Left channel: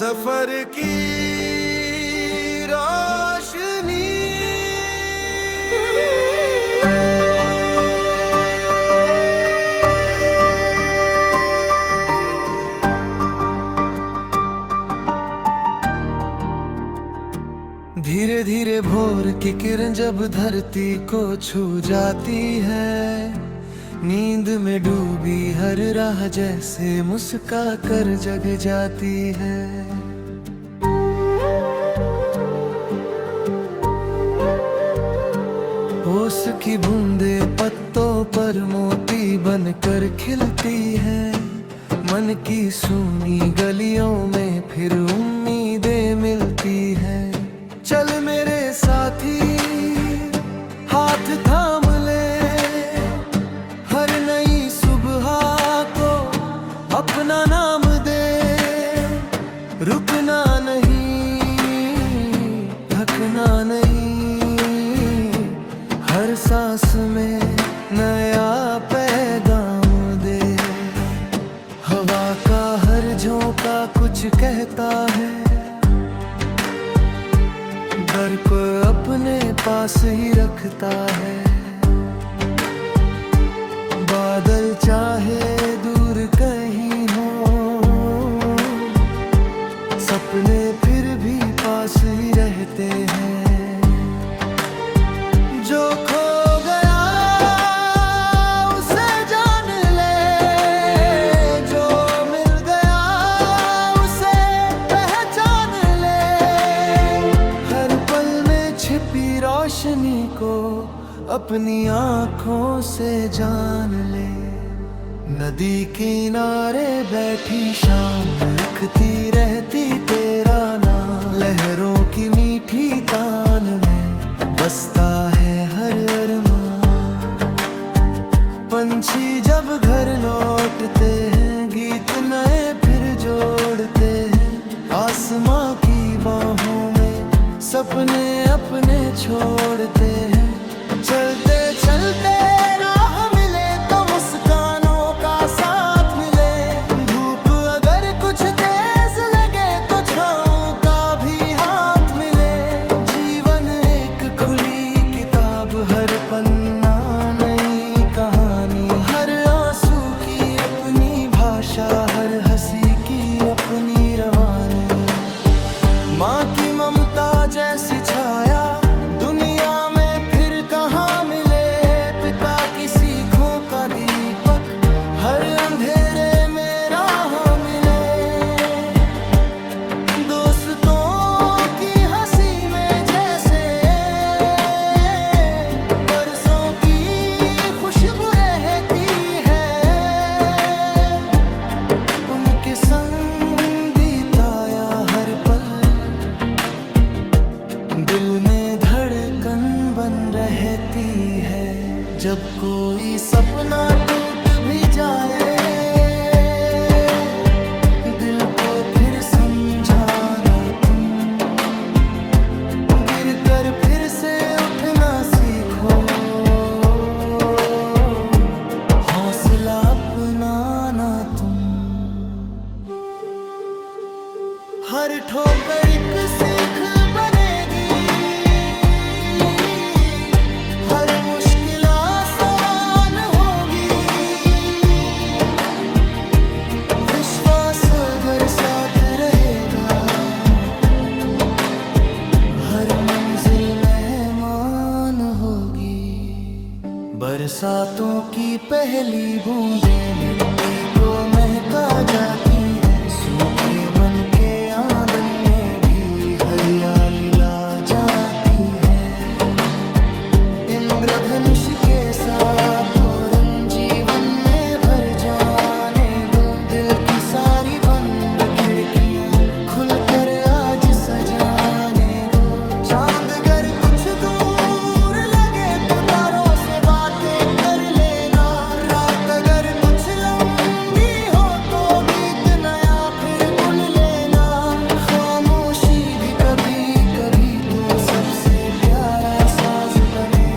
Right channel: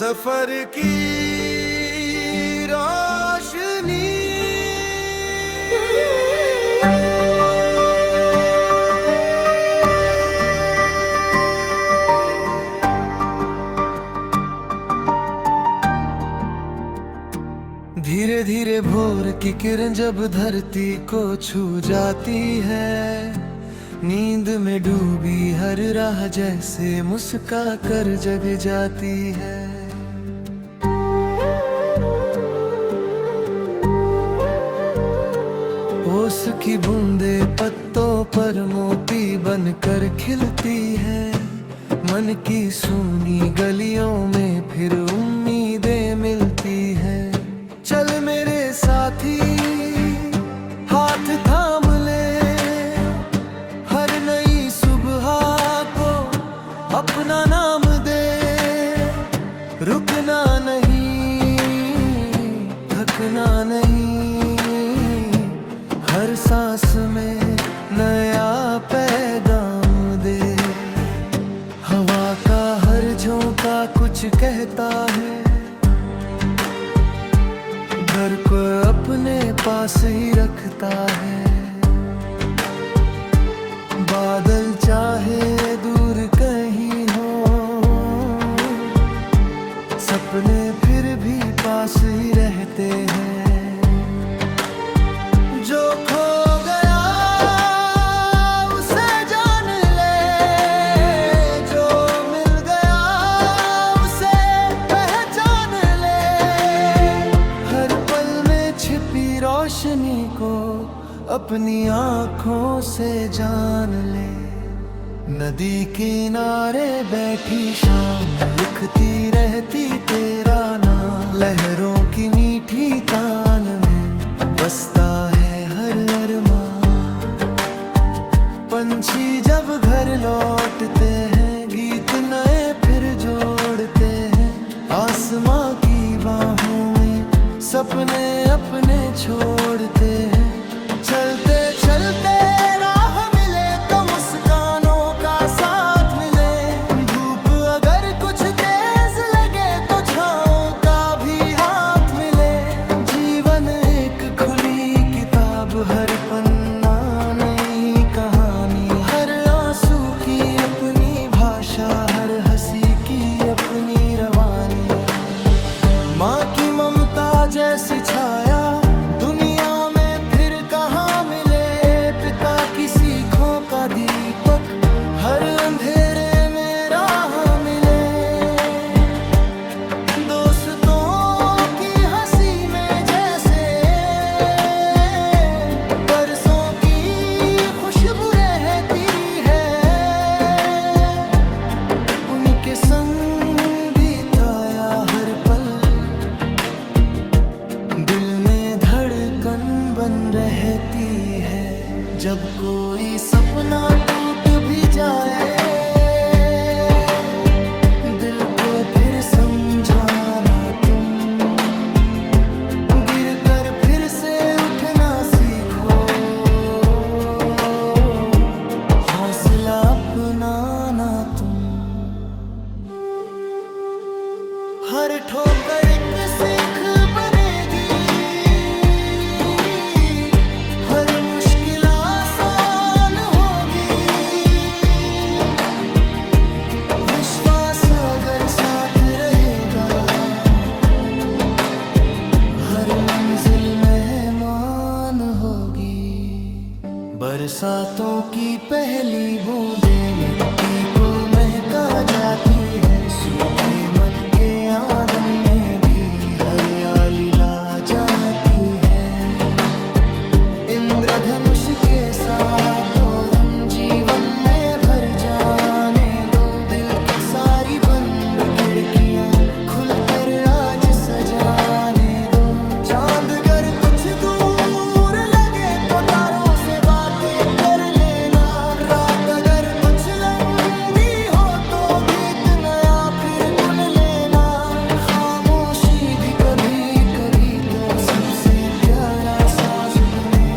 सफर की रोशनी। धीरे धीरे भोर की किरण जब धरती को छू जाती है, नींद में डूबी हर राह जैसे मुस्का कर जग जाती है। ओस की बूंदे पत्तों पर मोती बनकर खिलती है। मन की सूनी गलियों में फिर उम्मीदें मिलती है। चल मेरे साथी हाथ थाम ले, हर नई सुबह को अपना नाम दे। रुकना नहीं, थकना नहीं, हर सांस में नया पैगाम दे। हवा का हर झोंका कुछ कहता है, घर को अपने पास ही रखता है। बादल चाहे दूर कहीं हो, सपने फिर भी पास ही रहते हैं। जो खो गया उसे जान ले, जो मिल गया उसे पहचान ले। हर पल में छिपी रोशनी को अपनी आँखों से जान ले। नदी किनारे बैठी शाम लिखती रहती तेरा नाम। लहरों की मीठी तान में बसता है हर अरमान। पंछी जब घर लौटते हैं, गीत नए फिर जोड़ते हैं। आसमां की बाहों में सपने अपने छोड़ते हैं। चलते चलते राह मिले तो मुस्कानों का साथ मिले। धूप अगर कुछ तेज लगे तो छाँव का भी हाथ मिले। जीवन एक खुली किताब, हर पन्ना नई कहानी। हर आंसू की अपनी भाषा, हर हंसी की अपनी रवानी। माँ की ममता जैसी छाया दुनिया में फिर कहाँ मिले। पिता की सीखों का दीपक हर अंधेरे में राह मिले। दोस्तों की हंसी में जैसे बरसों की खुशबू रहती है। उनके संग बिताया हर पल दिल में धड़कन बन रहती है। जब कोई सपना टूट भी जाए, दिल को फिर समझाना तुम। गिर कर फिर से उठना सीखो, हौसला अपनाना तुम। हर ठोकर एक सीख बनेगी, हर मुश्किल आसान होगी। विश्वास अगर साथ रहेगा, हर मंजिल मेहमान होगी। बरसातों की पहली बूंदें मिट्टी को महका जाती है। सूखे मन के आंगन में भी हरियाली ला जाती है। इंद्रधनुष के साथ रंग जीवन में भर जाने दो। दिल की सारी बंद खिड़कियां खुलकर आज सजाने दो। चांद अगर कुछ दूर लगे तो तारों से बातें कर लेना। रात अगर कुछ लंबी हो तो गीत नया फिर गुन लेना। खामोशी भी कभी कभी तो सबसे प्यारा साज बने।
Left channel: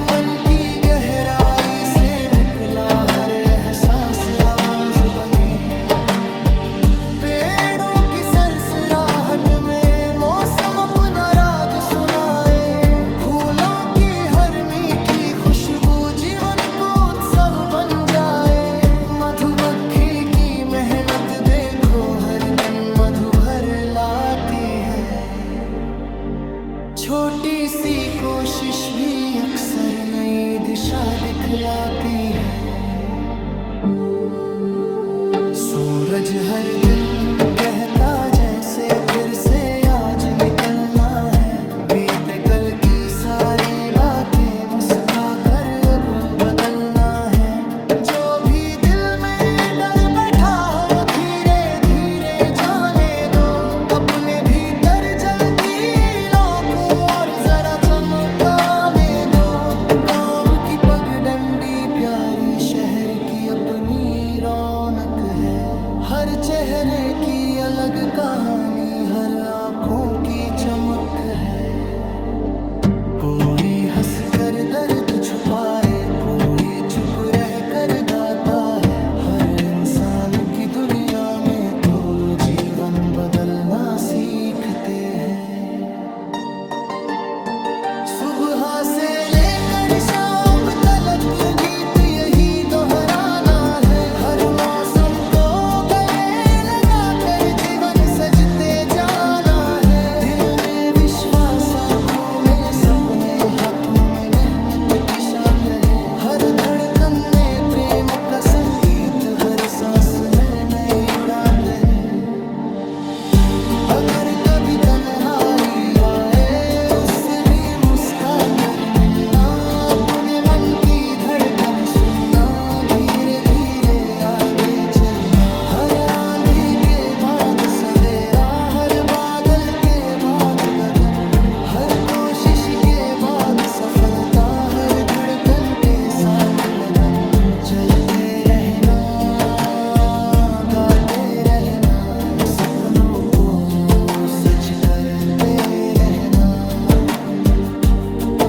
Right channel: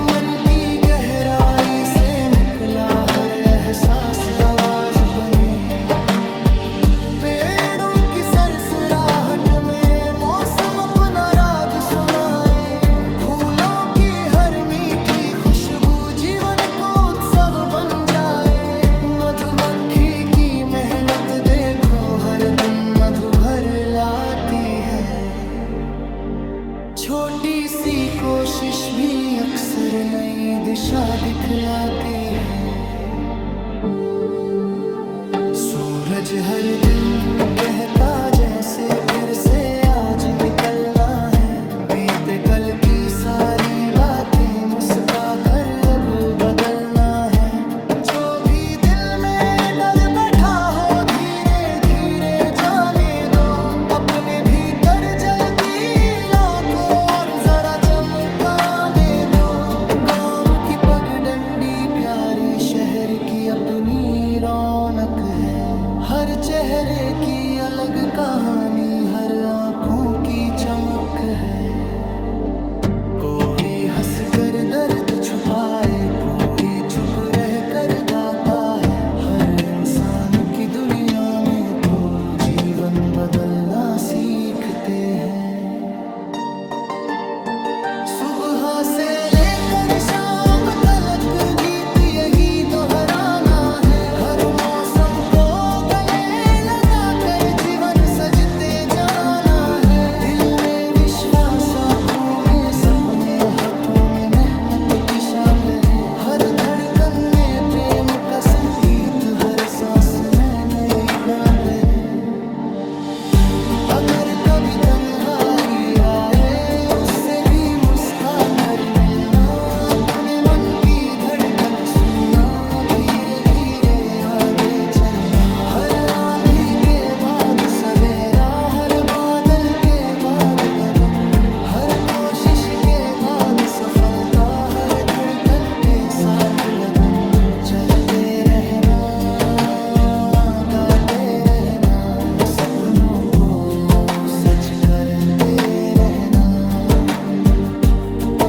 मन की गहराई से निकला हर एहसास आवाज बने। पेड़ों की सरसराहट में मौसम अपना राज सुनाए। फूलों की हर मीठी खुशबू जीवन को उत्सव बन जाए। मधुमक्खी की मेहनत देखो हर दिन मधु भर लाती है। छोटी सी कोशिश भी अक्सर नई दिशा दिखलाती है। सूरज हर दिन कहता जैसे फिर से आज निकलना है। बीते कल की सारी बातें मुस्का कर अब बदलना है। जो भी दिल में डर बैठा हो धीरे धीरे जाने दो। अपने भीतर जलती लौ को और जरा चमकाने दो। गाँव की पगडंडी प्यारी शहर की अपनी रौनक है। हर चेहरे की अलग कहानी हर आँखों की चमक है। कोई हंस कर दर्द छुपाए कोई चुप रह कर गाता है। हर इंसान की दुनिया में तो जीवन बदलना सीखते हैं। सुबह से लेकर शाम तलक गीत यही दोहराना है। हर मौसम को गले लगा कर जीवन सजते जाना है। दिल में विश्वास आँखों में सपने हाथों में मेहनत की शान रहे। हर धड़कन में प्रेम का संगीत हर सांस में नई उड़ान रहे। अगर कभी तन्हाई आए उससे भी मुस्का कर मिलना। अपने मन की धड़कन सुनना धीरे धीरे आगे चलना। हर आंधी के बाद सवेरा हर बादल के बाद गगन। हर कोशिश के बाद सफलता हर धड़कन के साथ लगन। चलते रहना गाते रहना सपनों को सच करते रहना।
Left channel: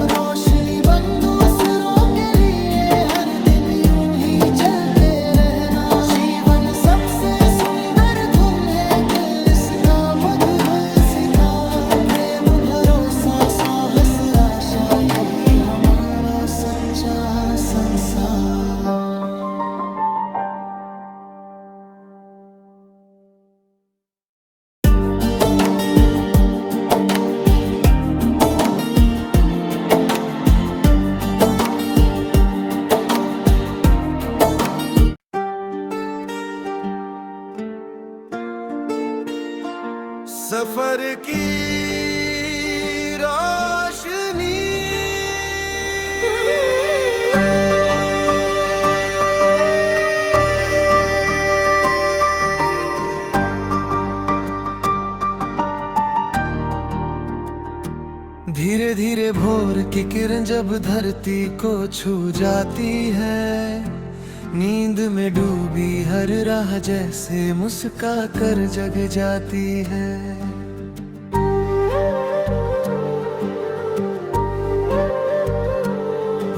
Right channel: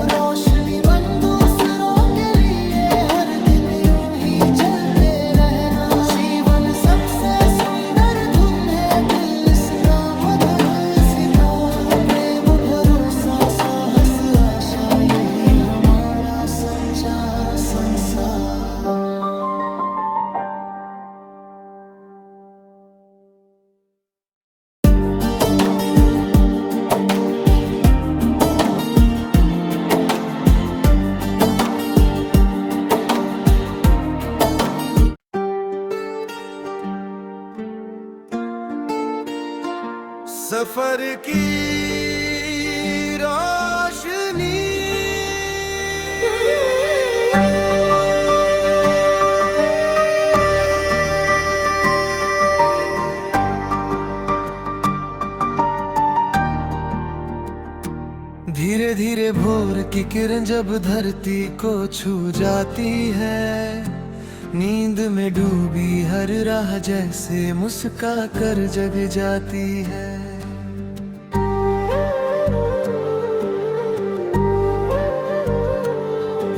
रोशनी बन दूसरों के लिए हर दिन यूं ही जलते रहना। जीवन सबसे सुंदर धुन है दिल इसका मधुर सितार। प्रेम भरोसा साहस आशा यही हमारा सच्चा संसार। सफर की रोशनी धीरे धीरे भोर की किरण जब धरती को छू जाती है। नींद में डूबी हर राह जैसे मुस्का कर जग जाती है।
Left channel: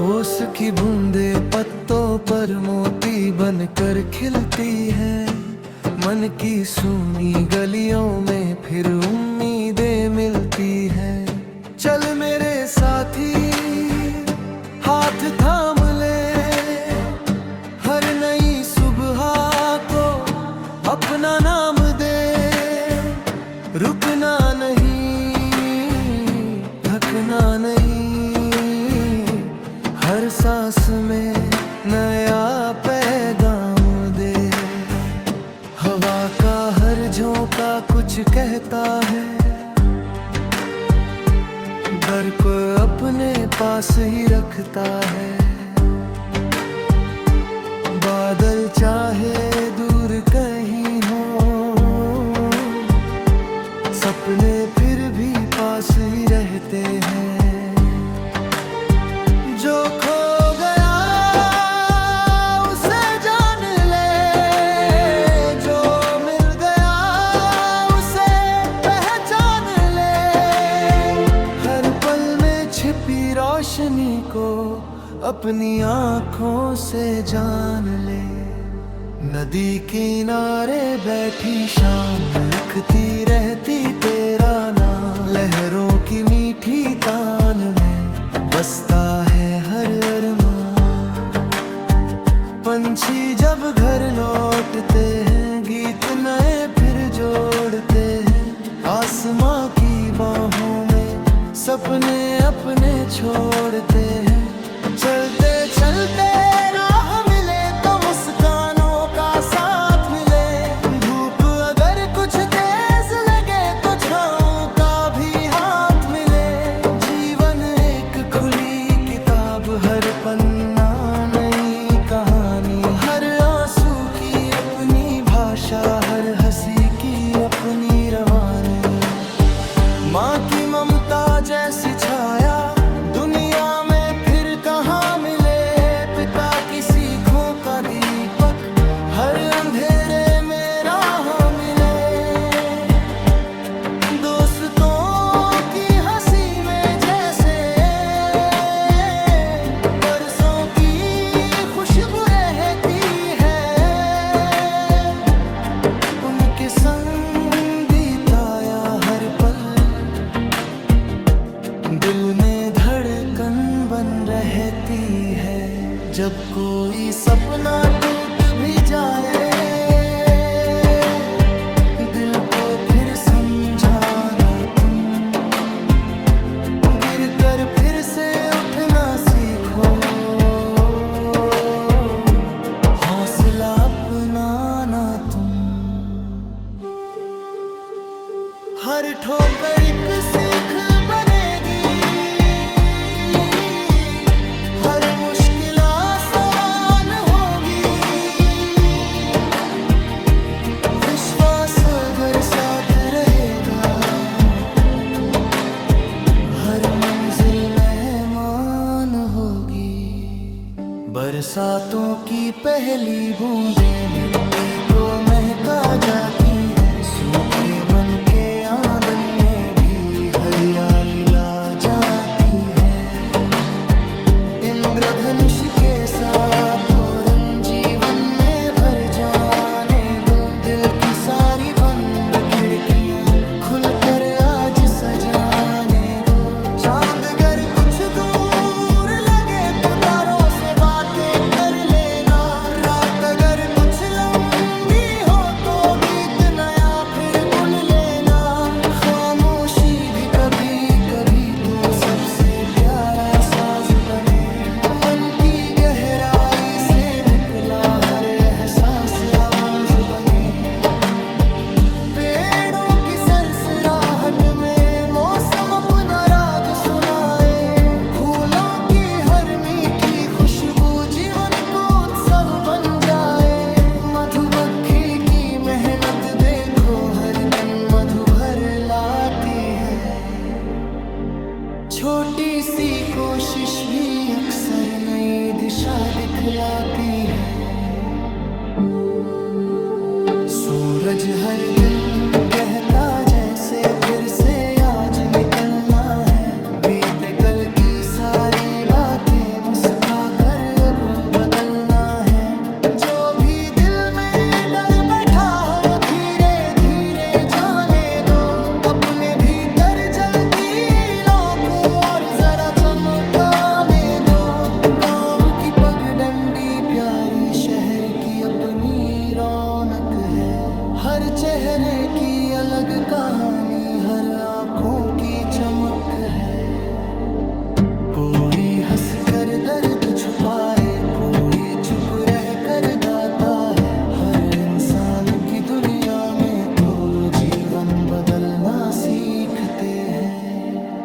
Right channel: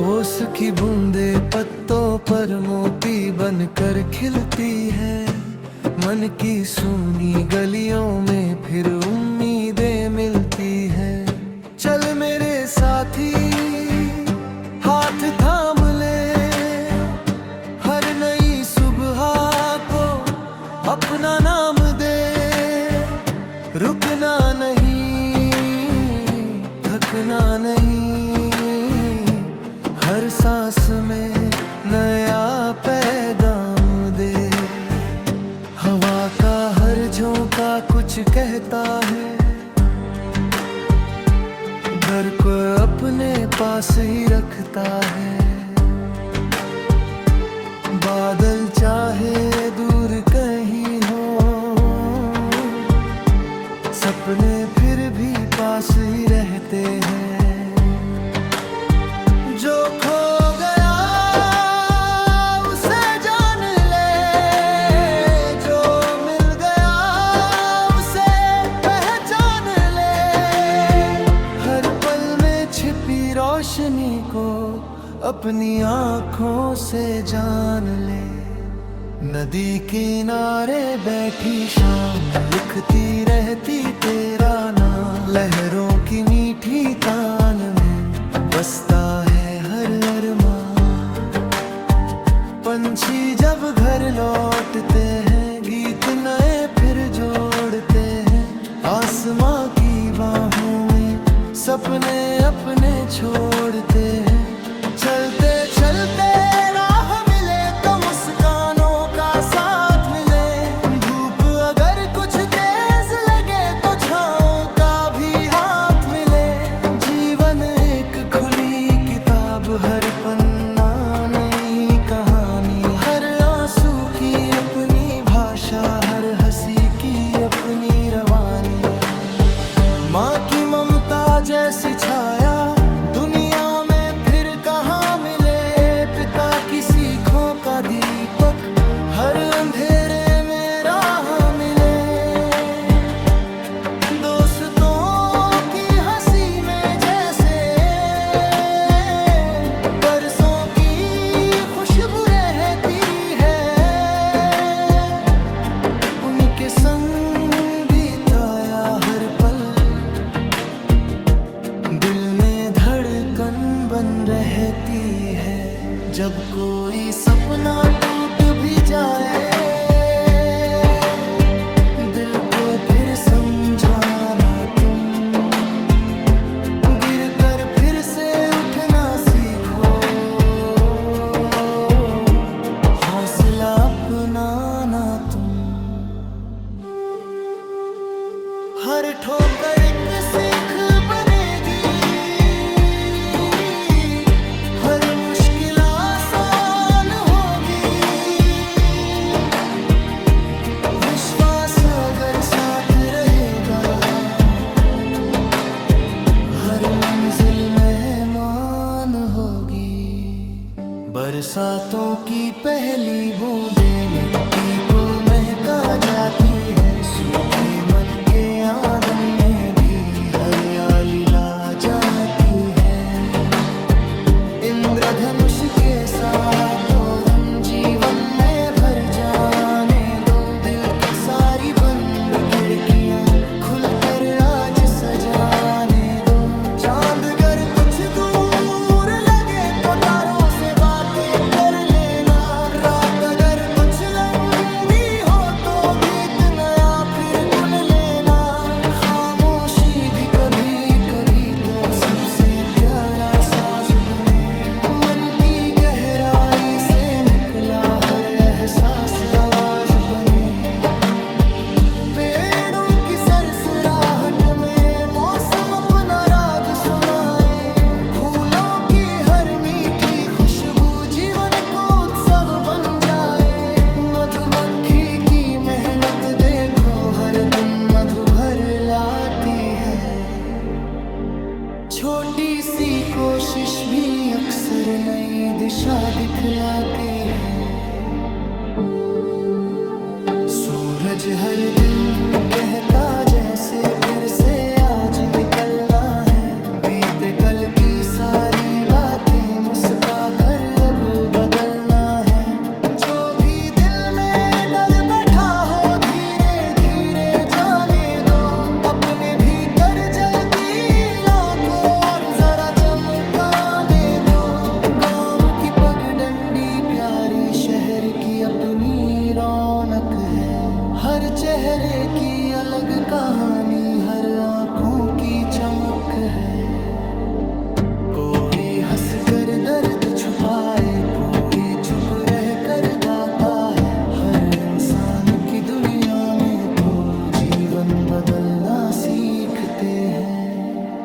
ओस की बूंदे पत्तों पर मोती बनकर खिलती है। मन की सूनी गलियों में फिर उम्मीदें मिलती है। चल मेरे साथी हाथ थाम ले। हर नई सुबह को अपना नाम दे। रुकना नहीं थकना नहीं। हर सांस में नया पैगाम दे। हवा का हर झोंका कुछ कहता है। घर को अपने पास ही रखता है। बादल चाहे दूर कहीं हो सपने फिर भी पास ही रहते हैं। जो खो गया उसे जान ले। जो मिल गया उसे पहचान ले। हर पल में छिपी रोशनी को अपनी आँखों से जान ले। नदी किनारे बैठी शाम लिखती रहती तेरा नाम। लहरों की मीठी तान में बसता है हर अरमान। पंछी जब घर लौटते हैं गीत नए फिर जोड़ते हैं। आसमां की बाहों में सपने अपने छोड़ते हैं। चलते चलते राह मिले तो मुस्कानों का साथ मिले। धूप अगर कुछ तेज लगे तो छाँव का भी हाथ मिले। जीवन एक खुली किताब, हर पन्ना नई कहानी। हर आंसू की अपनी भाषा, हर हंसी की अपनी रवानी। माँ की ममता जैसी छाया दुनिया में फिर कहाँ मिले। पिता की सीखों का दीपक हर अंधेरे में राह मिले। दोस्तों की हंसी में जैसे बरसों की खुशबू रहती है। उनके संग बिताया हर पल दिल में धड़कन बन रहती है। जब कोई सपना टूट भी जाए दिल को फिर समझाना तुम। गिर कर फिर से उठना सीखो, हौसला अपनाना तुम। हर ठोकर एक सीख बनेगी, हर मुश्किल आसान होगी। विश्वास अगर साथ रहेगा हर मंजिल मेहमान होगी। बरसातों की पहली बूंदें मिट्टी को महका जाती है। सूखे मन के आंगन में भी हरियाली ला जाती है। इंद्रधनुष के साथ रंग जीवन में भर जाने दो। दिल की सारी बंद खिड़कियां खुलकर आज सजाने दो। चांद अगर कुछ दूर लगे तो तारों से बातें कर लेना। रात अगर कुछ लंबी हो तो गीत नया फिर गुन लेना। खामोशी भी कभी कभी तो सबसे प्यारा साज बने। मन की गहराई से निकला हर एहसास आवाज बने। पेड़ों की सरसराहट में मौसम अपना राग सुनाए। फूलों की हर मीठी खुशबू जीवन को उत्सव बन जाए। मधुमक्खी की मेहनत देखो हर दिन मधु भर लाती है। छोटी सी कोशिश भी अक्सर नई दिशा दिखलाती है। सूरज हर दिन कहता जैसे फिर से आज निकलना है। बीते कल की सारी बातें मुस्का कर अब बदलना है। जो भी दिल में डर बैठा हो धीरे धीरे जाने दो। अपने भीतर जलती को और जरा चमकाने दो। गाँव की पगडंडी प्यारी शहर की अपनी रौनक है। हर चेहरे की अलग कहानी, हर आँखों की चमक है। कोई हंस कर दर्द छुपाए, कोई चुप रह कर गाता है। हर इंसान की दुनिया में तो जीवन बदलना सीखते हैं।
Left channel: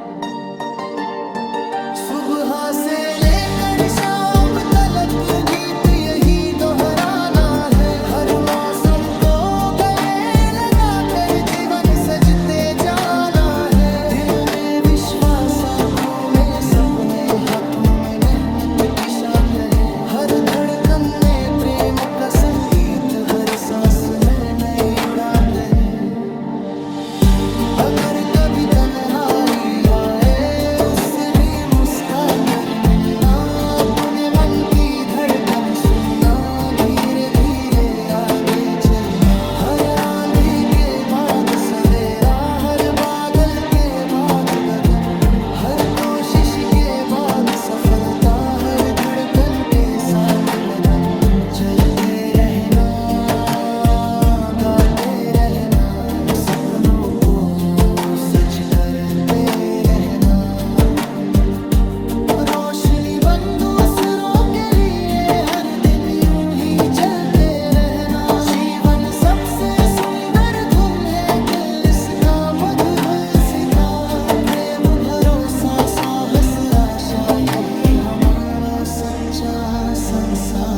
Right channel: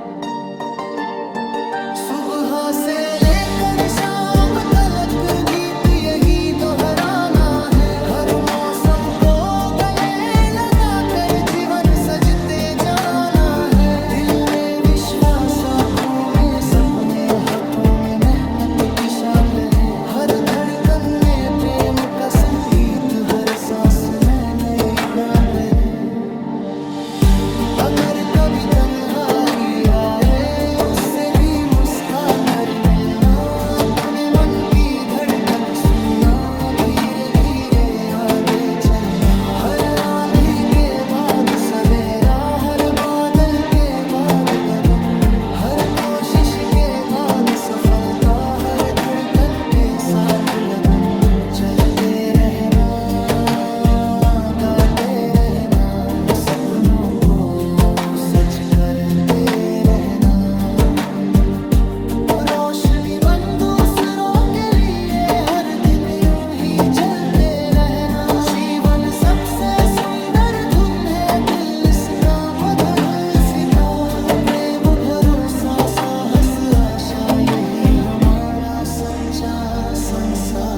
सुबह से लेकर शाम तलक गीत यही दोहराना है। हर मौसम को गले लगा कर जीवन सजते जाना है। दिल में विश्वास, आँखों में सपने, हाथों में मेहनत की शान रहे। हर धड़कन में प्रेम का संगीत, हर सांस में नई उड़ान रहे। अगर कभी तन्हाई आए उससे भी मुस्का कर मिलना। अपने मन की धड़कन सुनना, धीरे धीरे चलते रहना, गाते रहना, सपनों को सच करते रहना। रोशनी बन दूसरों के लिए हर दिन यूं ही जलते रहना। जीवन सबसे सुंदर धुन है, दिल इसका मधुर सितार। प्रेम, भरोसा, साहस, आशा, यही हमारा सच्चा संसार।